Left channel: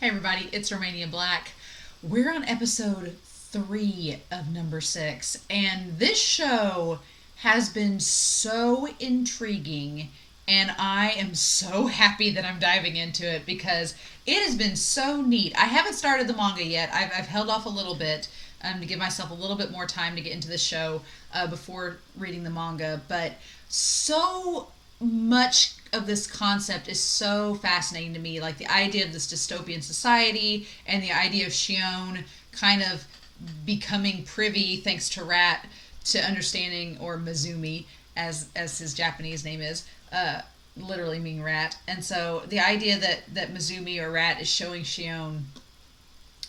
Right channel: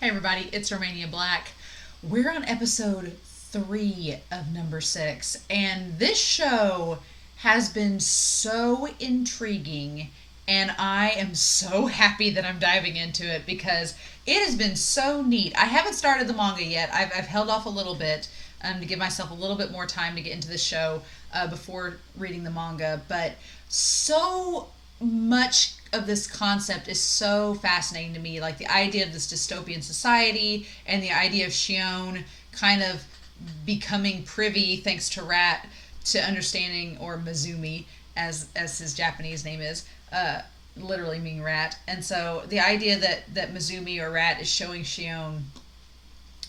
Hey everybody, it's Romania Black. We're on episode 3 of number 6, and this show has been so intriguing, and I am so happy that I'm diving into it because it has been so neat. I haven't started the manga yet. I've held off a little bit to give myself a little bit more time to get into the show before reading the manga, but so much of this concept is so fascinating to me. Like the idea of this dystopian society and the idea of Shion kind of becoming privy, thanks to Rat, to understanding, or Nezumi, as his Japanese name is, literally meaning rat. And so the idea that Nezumi or Rat is showing Shion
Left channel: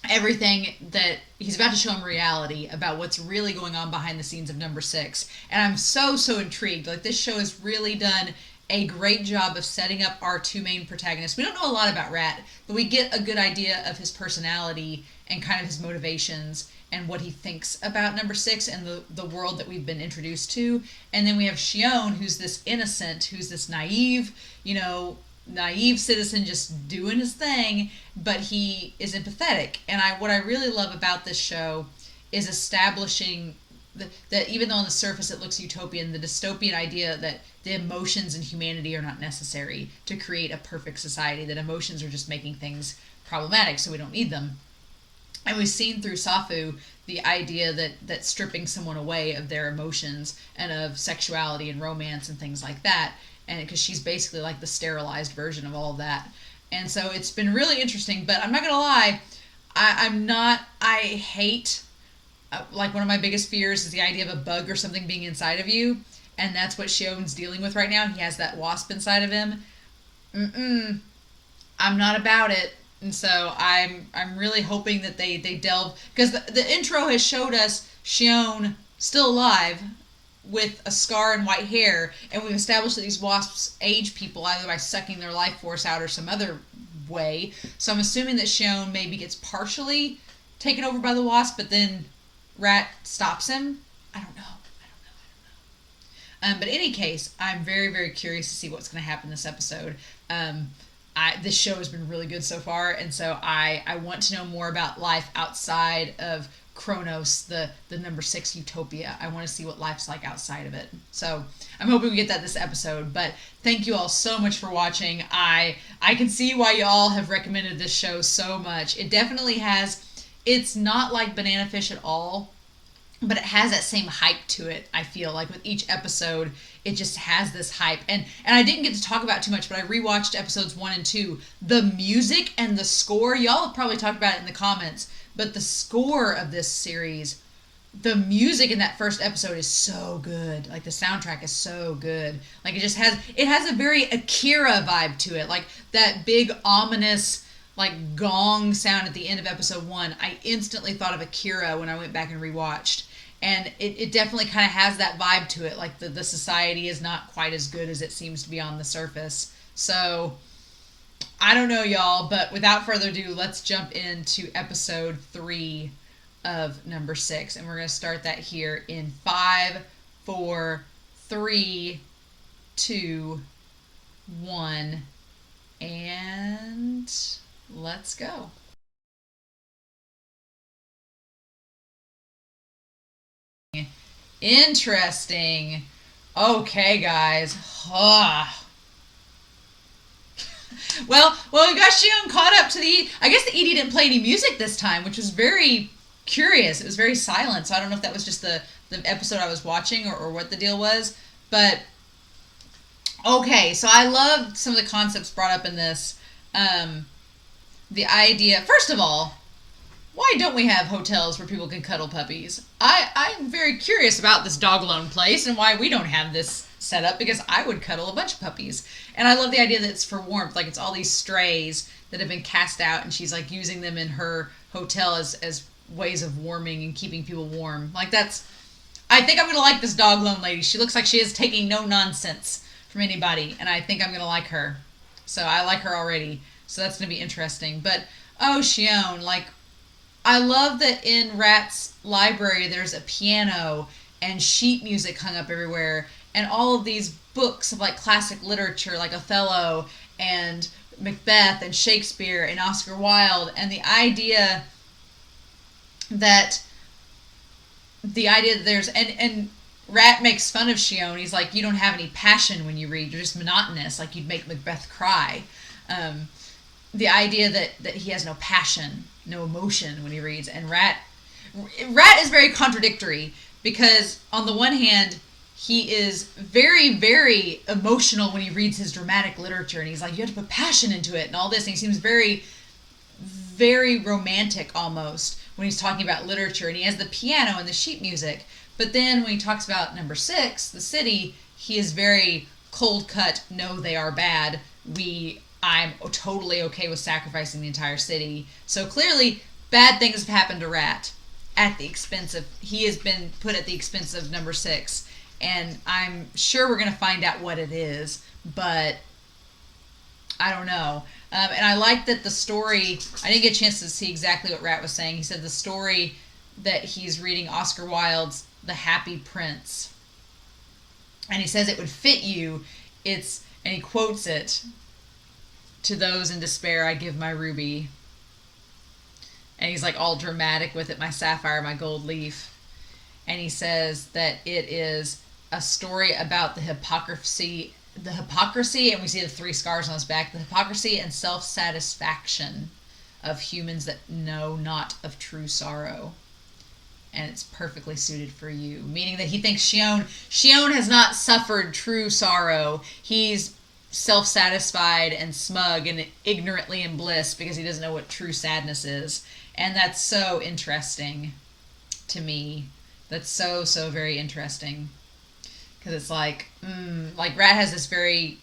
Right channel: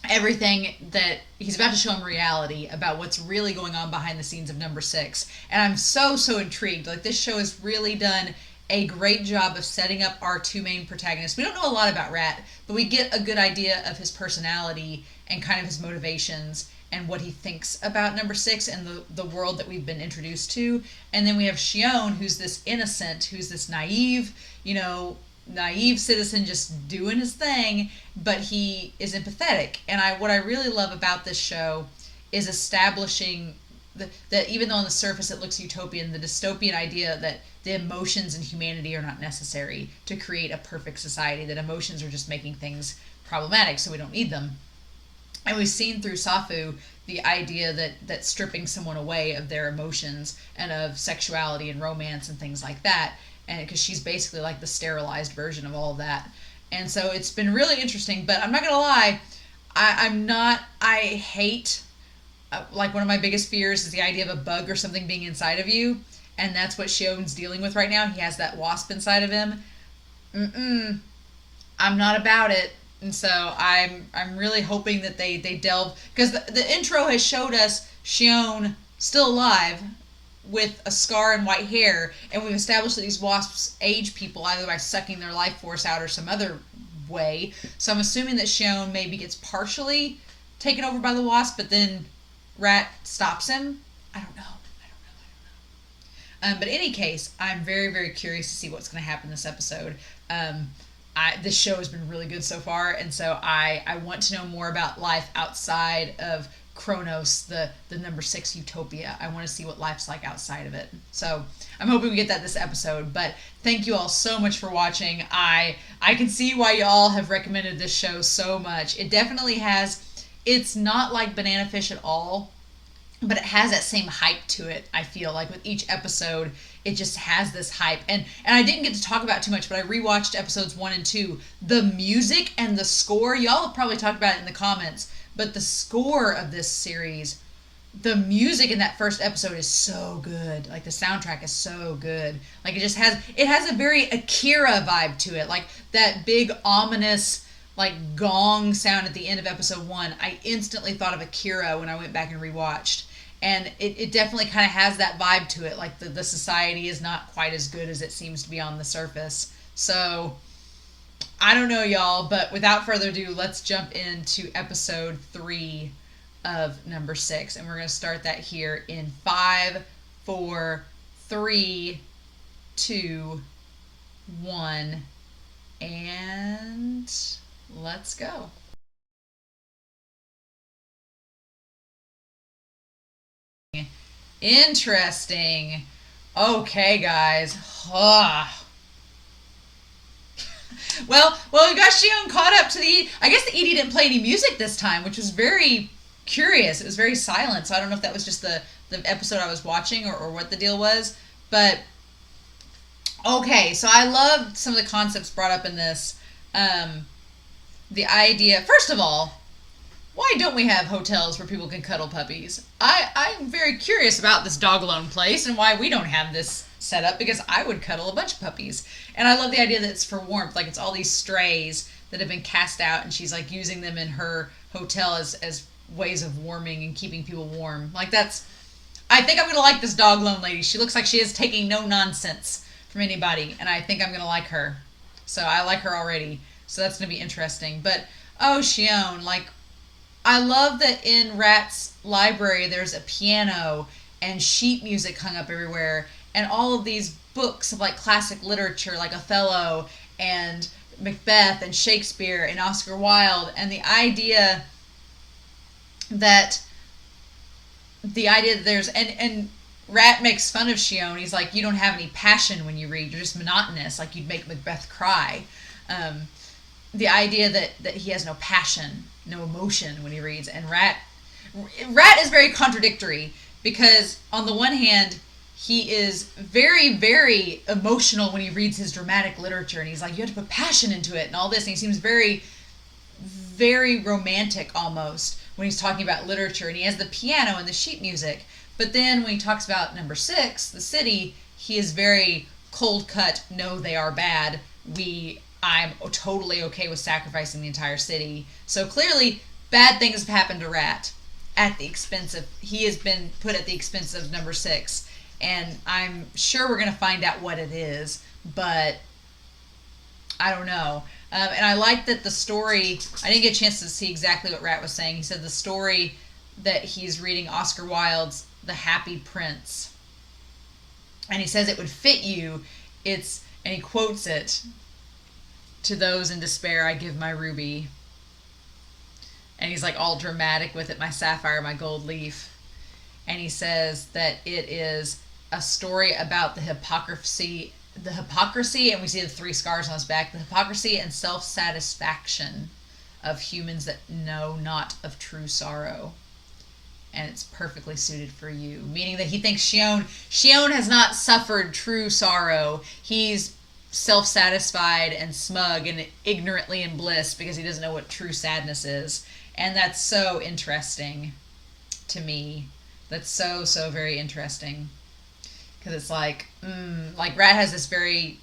everything that he's about to show him reality about what's really going on behind the scenes of number 6, and I'm so intrigued. Like, this show has really done a great job of setting up our two main protagonists. We don't know a lot about Rat, but we get a good idea of his personality and kind of his motivations and what he thinks about number 6 and the world that we've been introduced to. And then we have Shion, who's this innocent, who's this naive citizen just doing his thing, but he is empathetic. And what I really love about this show is establishing that even though on the surface it looks utopian, the dystopian idea that the emotions and humanity are not necessary to create a perfect society, that emotions are just making things problematic, so we don't need them. And we've seen through Safu the idea that stripping someone away of their emotions and of sexuality and romance and things like that, and because she's basically like the sterilized version of all of that. And so it's been really interesting, but I'm not gonna lie, I hate, like, one of my biggest fears is the idea of a bug or something being inside of you, and that's what Shion's dealing with right now. He has that wasp inside of him. I'm not about it. And so I'm really hoping that they delve, because the intro has showed us Shion still alive with a scar and white hair, and we've established that these wasps age people either by sucking their life force out or some other way. So I'm assuming that Shion maybe gets partially taken over by the wasp, but then Rat stops him. I don't know. But in any case, I'm very curious to see what's going to happen this episode. This show has been really good so far, and so I want to know more about life outside of Kronos, the number 6 utopia. I want to see what life's like outside of it. So I'm hoping we get that this episode. But thank you all so much for watching. I can see why y'all have recommended this show so much. It definitely has. It's not like Banana Fish at all, but it has that same hype to it. I feel like with each episode, it just has this hype. And I didn't get to talk about it too much, but I rewatched episodes 1 and 2. The music and the score, y'all have probably talked about it in the comments, but the score of this series, the music in that first episode is so good. Like, the soundtrack is so good. Like, it has a very Akira vibe to it. Like, that big ominous, like, gong sound at the end of episode 1. I instantly thought of Akira when I went back and rewatched. And it definitely kind of has that vibe to it. Like, the society is not quite as good as it seems to be on the surface. So, I don't know, y'all, but without further ado, let's jump into episode 3 of number 6. And we're going to start that here in 5, 4, 3, 2, 1, and let's go. Interesting. Okay, guys. Well, we got Shion caught up to the... I guess the ED didn't play any music this time, which was very curious. It was very silent, so I don't know if that was just the episode I was watching or what the deal was. But, okay, so I loved some of the concepts brought up in this. The idea... First of all, why don't we have hotels where people can cuddle puppies? I'm very curious about this dog alone place and why we don't have this set up, because I would cuddle a bunch of puppies. And I love the idea that it's for warmth. Like, it's all these strays that have been cast out, and she's like using them in her hotel as ways of warming and keeping people warm. Like, I think I'm going to like this dog alone lady. She looks like she is taking no nonsense from anybody, and I think I'm going to like her. So I like her already. So that's going to be interesting. But, oh, Shion, like, I love that in Rat's library there's a piano and sheet music hung up everywhere, and all of these books of, like, classic literature, like Othello and Macbeth and Shakespeare and Oscar Wilde, and the idea that there's and Rat makes fun of Shion. He's like, you don't have any passion when you read. You're just monotonous. Like you'd make Macbeth cry. The idea that he has no passion, no emotion when he reads, and Rat is very contradictory because on the one hand he is very, very emotional when he reads his dramatic literature, and he's like, you have to put passion into it and all this, and he seems very, very romantic almost when he's talking about literature, and he has the piano and the sheet music. But then when he talks about number 6, the city, he is very cold cut. No, they are bad. I'm totally okay with sacrificing the entire city. So clearly bad things have happened to Rat at the expense of, he has been put at the expense of number 6. And I'm sure we're going to find out what it is, but I don't know. And I like that the story, I didn't get a chance to see exactly what Rat was saying. He said the story that he's reading Oscar Wilde's The Happy Prince. And he says it would fit you. And he quotes it, to those in despair I give my ruby. And he's like all dramatic with it, my sapphire, my gold leaf. And he says that it is a story about the hypocrisy, and we see the 3 scars on his back, the hypocrisy and self-satisfaction of humans that know not of true sorrow. And it's perfectly suited for you. Meaning that he thinks Shion has not suffered true sorrow. He's self-satisfied and smug and ignorantly in bliss because he doesn't know what true sadness is. And that's so interesting to me. That's so, so very interesting. Because it's like Rat has this very,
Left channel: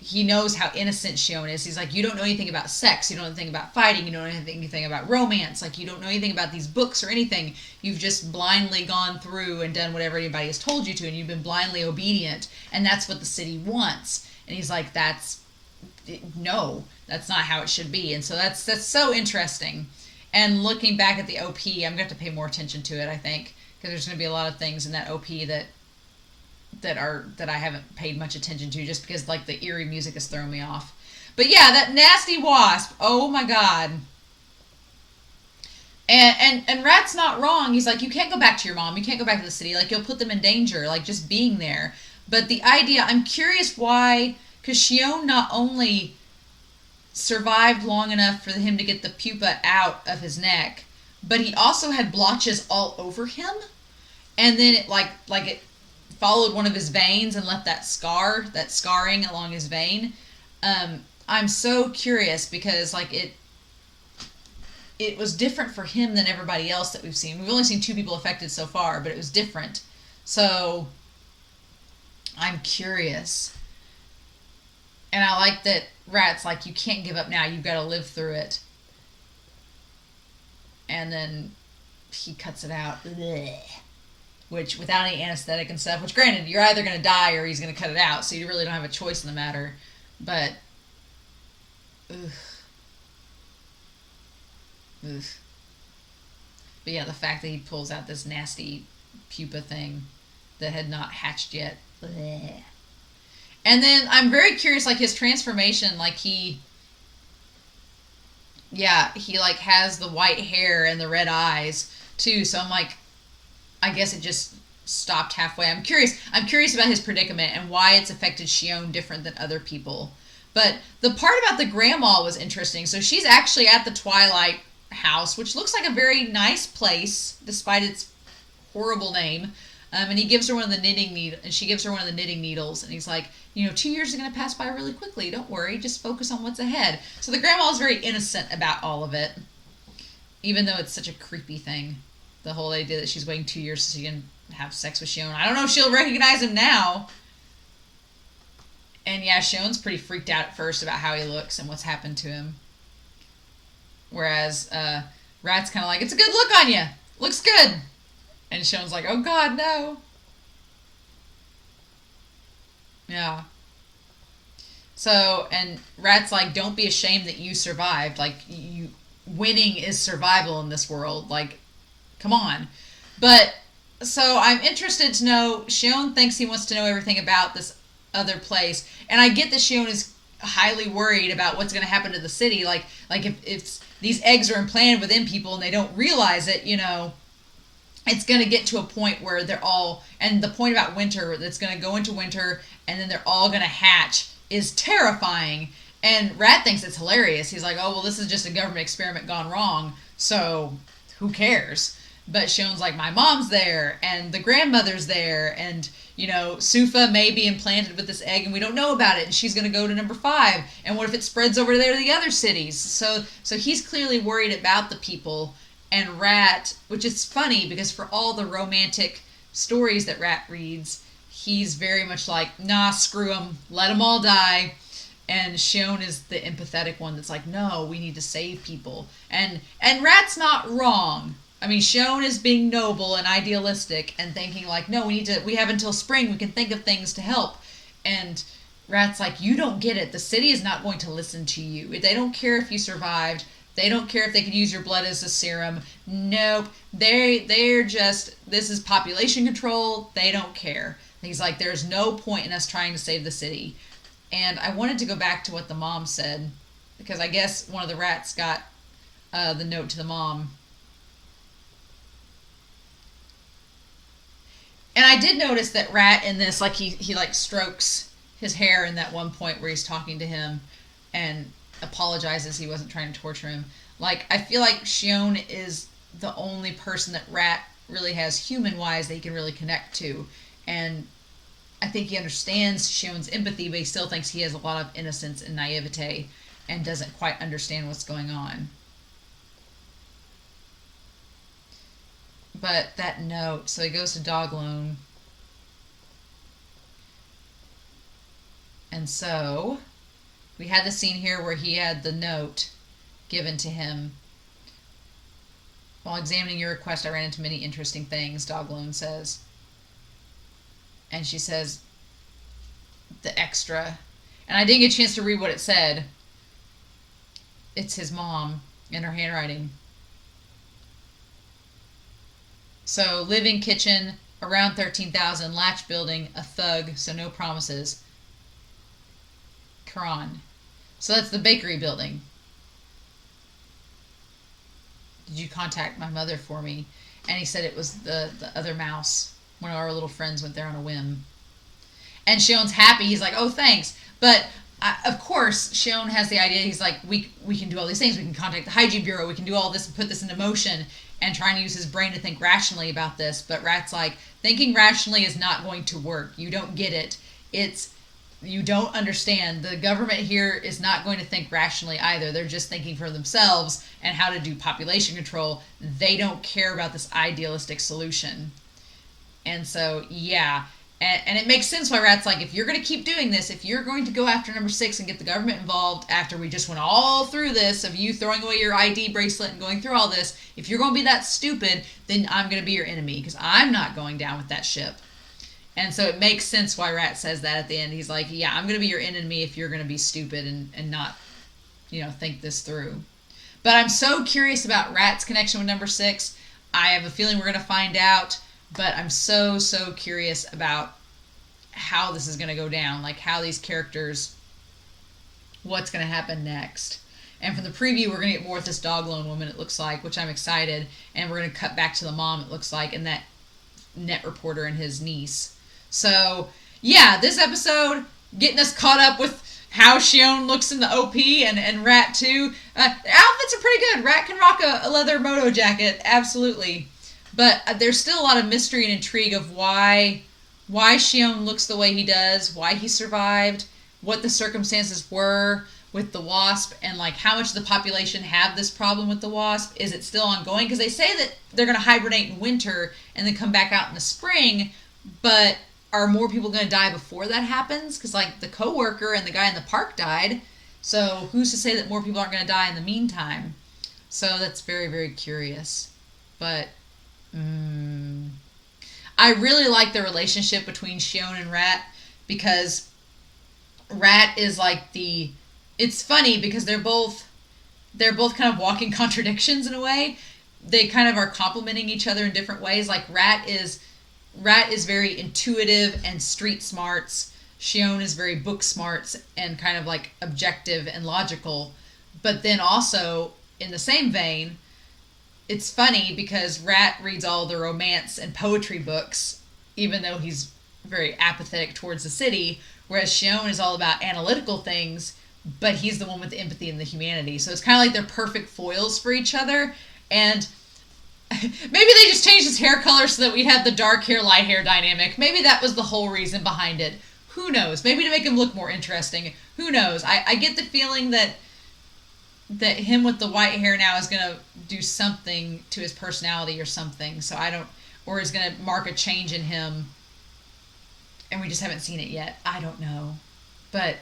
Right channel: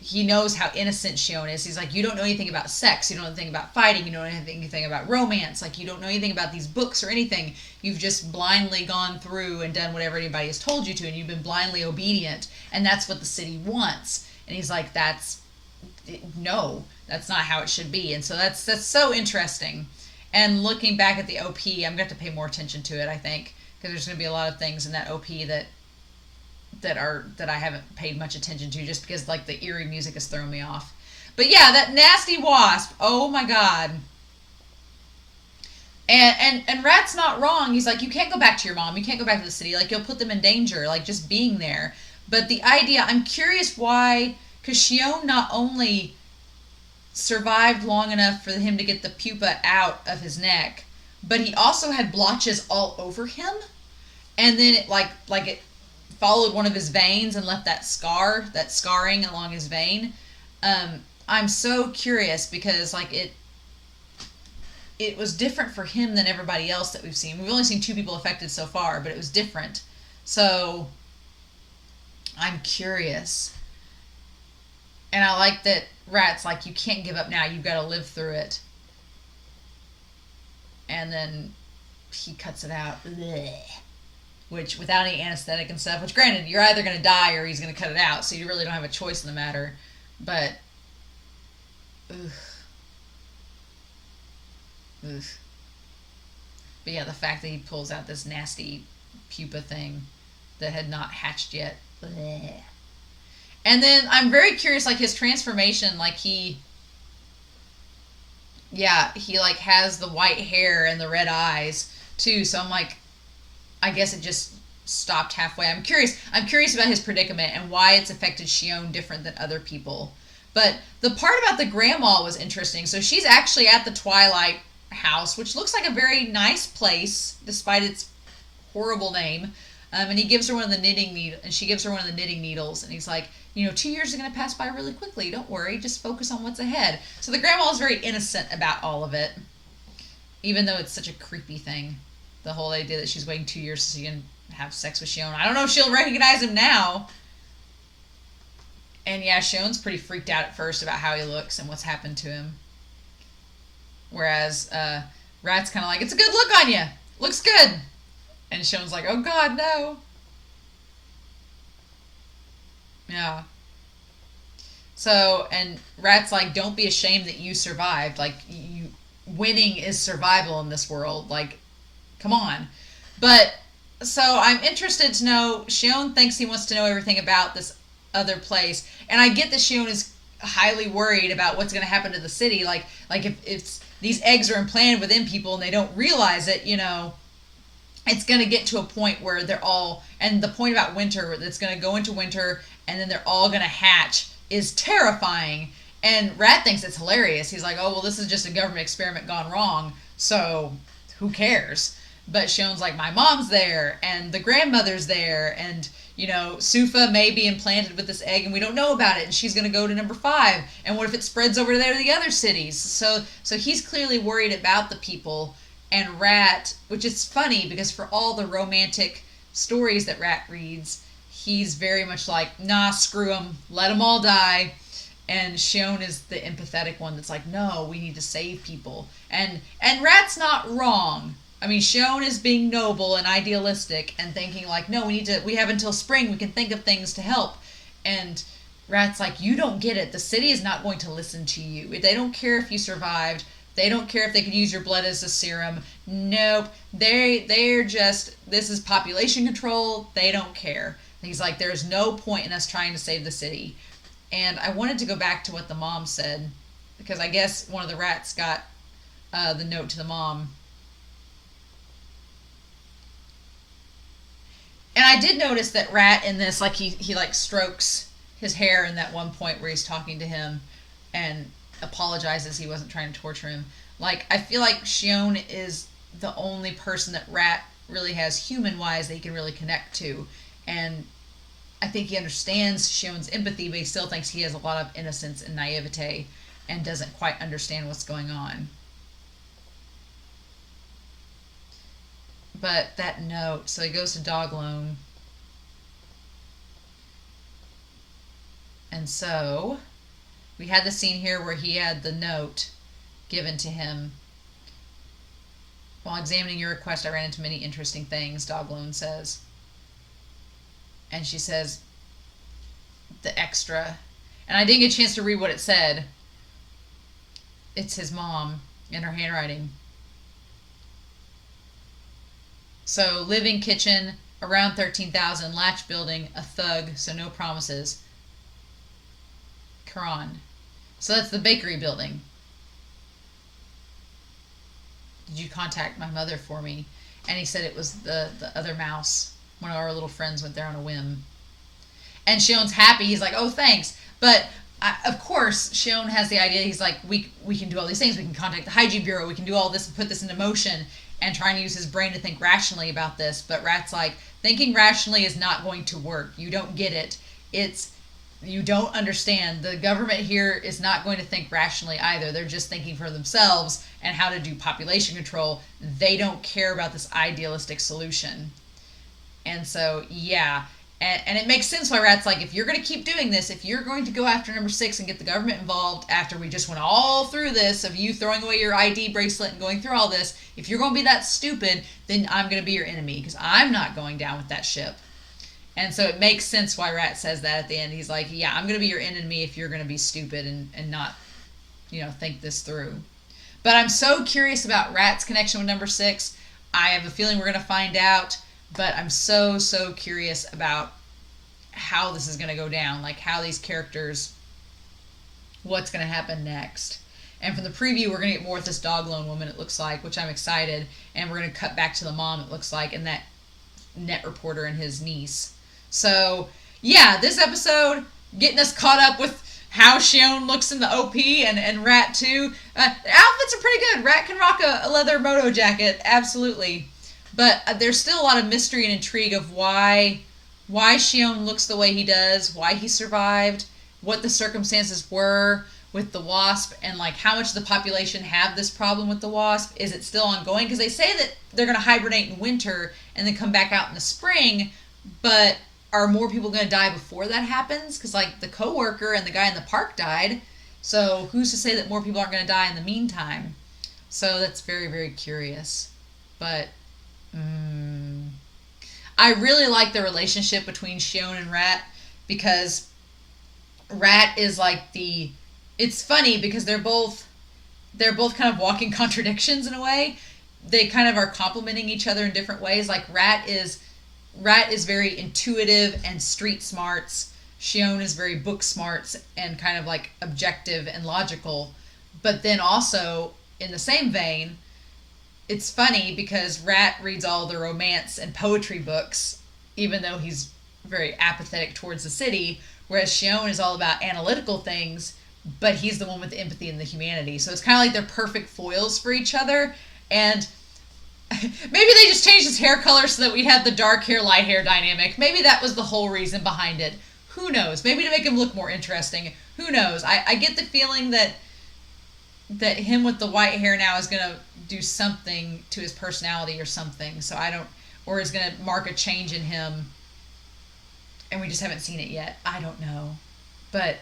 he knows how innocent Shion is. He's like, you don't know anything about sex. You don't know anything about fighting. You don't know anything about romance. Like, you don't know anything about these books or anything. You've just blindly gone through and done whatever anybody has told you to, and you've been blindly obedient. And that's what the city wants. And he's like, no, that's not how it should be. And so that's so interesting. And looking back at the OP, I'm going to have to pay more attention to it, I think. Because there's going to be a lot of things in that OP that I haven't paid much attention to, just because like the eerie music has thrown me off. But yeah, that nasty wasp. Oh my god. And Rat's not wrong. He's like, you can't go back to your mom. You can't go back to the city. Like, you'll put them in danger. Like, just being there. But the idea, I'm curious why, because Shion not only survived long enough for him to get the pupa out of his neck, but he also had blotches all over him. And then it like it followed one of his veins and left that scarring along his vein. I'm so curious because like it was different for him than everybody else that we've seen. We've only seen 2 people affected so far, but it was different. So I'm curious. And I like that Rat's like, you can't give up now. You've got to live through it. And then he cuts it out. Blech. Which, without any anesthetic and stuff, which granted, you're either going to die or he's going to cut it out, so you really don't have a choice in the matter. But, ugh. But yeah, the fact that he pulls out this nasty pupa thing that had not hatched yet. Blech. And then I'm very curious, like his transformation, like he like has the white hair and the red eyes too. So I'm like, I guess it just stopped halfway. I'm curious about his predicament and why it's affected Shion different than other people. But the part about the grandma was interesting. So she's actually at the Twilight house, which looks like a very nice place despite its horrible name. And he gives her one of the knitting needles, and she gives her one of the knitting needles, and he's like, 2 years are going to pass by really quickly. Don't worry, just focus on what's ahead. So the grandma is very innocent about all of it, even though it's such a creepy thing. The whole idea that she's waiting 2 years so she can have sex with Shion. I don't know if she'll recognize him now. And yeah, Shion's pretty freaked out at first about how he looks and what's happened to him. Whereas Rat's kind of like, it's a good look on you. Looks good. And Shion's like, oh god, no. Yeah. So, and Rat's like, don't be ashamed that you survived. Like, winning is survival in this world. Like, come on. But, so I'm interested to know, Shion thinks he wants to know everything about this other place. And I get that Shion highly worried about what's going to happen to the city. Like if these eggs are implanted within people and they don't realize it, it's going to get to a point where they're all, and the point about winter, that's going to go into winter and then they're all going to hatch, is terrifying. And Rat thinks it's hilarious. He's like, oh, well, this is just a government experiment gone wrong, so who cares? But Shion's like, my mom's there, and the grandmother's there, and, Sufa may be implanted with this egg, and we don't know about it, and she's going to go to number 5, and what if it spreads over there to the other cities? So he's clearly worried about the people, and Rat, which is funny, because for all the romantic stories that Rat reads, he's very much like, nah, screw them, let them all die. And Shion is the empathetic one that's like, no, we need to save people. And Rat's not wrong. I mean, Shion is being noble and idealistic and thinking like, no, we have until spring, we can think of things to help. And Rat's like, you don't get it. The city is not going to listen to you. They don't care if you survived. They don't care if they could use your blood as a serum. Nope. They're just, this is population control. They don't care. He's like, there's no point in us trying to save the city. And I wanted to go back to what the mom said, because I guess one of the rats got the note to the mom. And I did notice that Rat in this, like he like strokes his hair in that one point where he's talking to him and apologizes he wasn't trying to torture him. Like, I feel like Shion is the only person that Rat really has human-wise that he can really connect to. And I think he understands Shion's empathy, but he still thinks he has a lot of innocence and naivete and doesn't quite understand what's going on. But that note, so he goes to Dog Loan. And so we had the scene here where he had the note given to him. While examining your request, I ran into many interesting things, Dog Loan says. And she says, the extra. And I didn't get a chance to read what it said. It's his mom in her handwriting. So, living kitchen, around 13,000, latch building, a thug, so no promises. Quran. So that's the bakery building. Did you contact my mother for me? And he said it was the other mouse. One of our little friends went there on a whim. And Shion's happy. He's like, oh, thanks. But, of course, Shion has the idea. He's like, we can do all these things. We can contact the Hygiene Bureau. We can do all this and put this into motion, and trying to use his brain to think rationally about this. But Rat's like, thinking rationally is not going to work. You don't get it. You don't understand. The government here is not going to think rationally either. They're just thinking for themselves and how to do population control. They don't care about this idealistic solution. And so, yeah. And it makes sense why Rat's like, if you're going to keep doing this, if you're going to go after number 6 and get the government involved after we just went all through this of you throwing away your ID bracelet and going through all this, if you're going to be that stupid, then I'm going to be your enemy because I'm not going down with that ship. And so it makes sense why Rat says that at the end. He's like, yeah, I'm going to be your enemy if you're going to be stupid and not, think this through. But I'm so curious about Rat's connection with number 6. I have a feeling we're going to find out. But I'm so curious about how this is going to go down. Like, how these characters, what's going to happen next. And from the preview, we're going to get more with this Dog Loan woman, it looks like, which I'm excited. And we're going to cut back to the mom, it looks like, and that net reporter and his niece. So, yeah, this episode, getting us caught up with how Shion looks in the OP and Rat, too. The outfits are pretty good. Rat can rock a leather moto jacket, absolutely. But there's still a lot of mystery and intrigue of why Shion looks the way he does, why he survived, what the circumstances were with the wasp, and like how much of the population have this problem with the wasp. Is it still ongoing? Because they say that they're going to hibernate in winter and then come back out in the spring, but are more people going to die before that happens? Because like the coworker and the guy in the park died, so who's to say that more people aren't going to die in the meantime? So that's very, very curious. But I really like the relationship between Shion and Rat, because Rat is like it's funny because they're both kind of walking contradictions in a way. They kind of are complementing each other in different ways. Like Rat is very intuitive and street smarts, Shion is very book smart and kind of like objective and logical. But then also, in the same vein, it's funny because Rat reads all the romance and poetry books, even though he's very apathetic towards the city, whereas Shion is all about analytical things, but he's the one with the empathy and the humanity. So it's kind of like they're perfect foils for each other. And maybe they just changed his hair color so that we'd have the dark hair, light hair dynamic. Maybe that was the whole reason behind it. Who knows? Maybe to make him look more interesting. Who knows? I get the feeling that him with the white hair now is going to do something to his personality or something. So I don't, or is going to mark a change in him, and we just haven't seen it yet. I don't know. But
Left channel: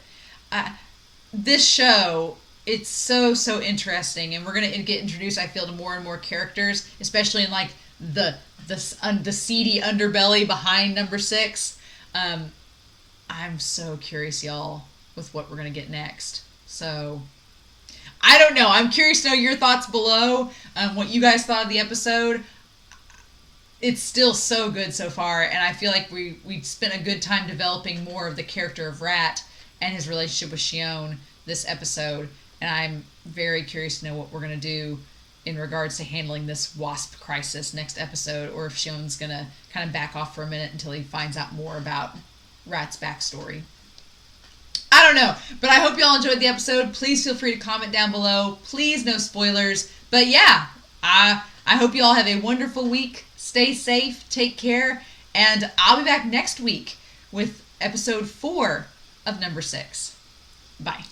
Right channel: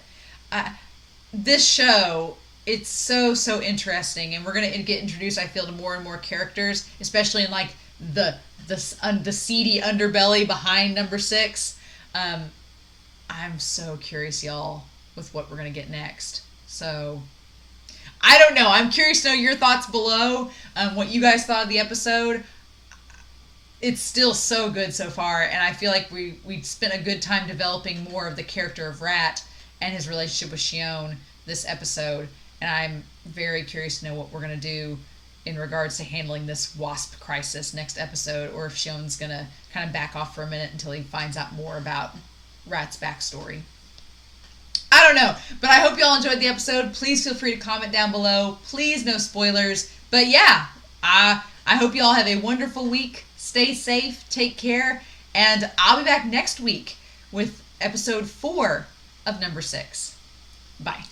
this show, it's so interesting, and we're going to get introduced, I feel, to more and more characters, especially in like the seedy underbelly behind number 6. I'm so curious, y'all, with what we're going to get next. So I don't know. I'm curious to know your thoughts below, what you guys thought of the episode. It's still so good so far, and I feel like we spent a good time developing more of the character of Rat and his relationship with Shion this episode, and I'm very curious to know what we're going to do in regards to handling this wasp crisis next episode, or if Shion's going to kind of back off for a minute until he finds out more about Rat's backstory. I don't know, but I hope y'all enjoyed the episode. Please feel free to comment down below. Please, no spoilers. But yeah, I hope you all have a wonderful week. Stay safe, take care, and I'll be back next week with episode 4 of number 6. Bye.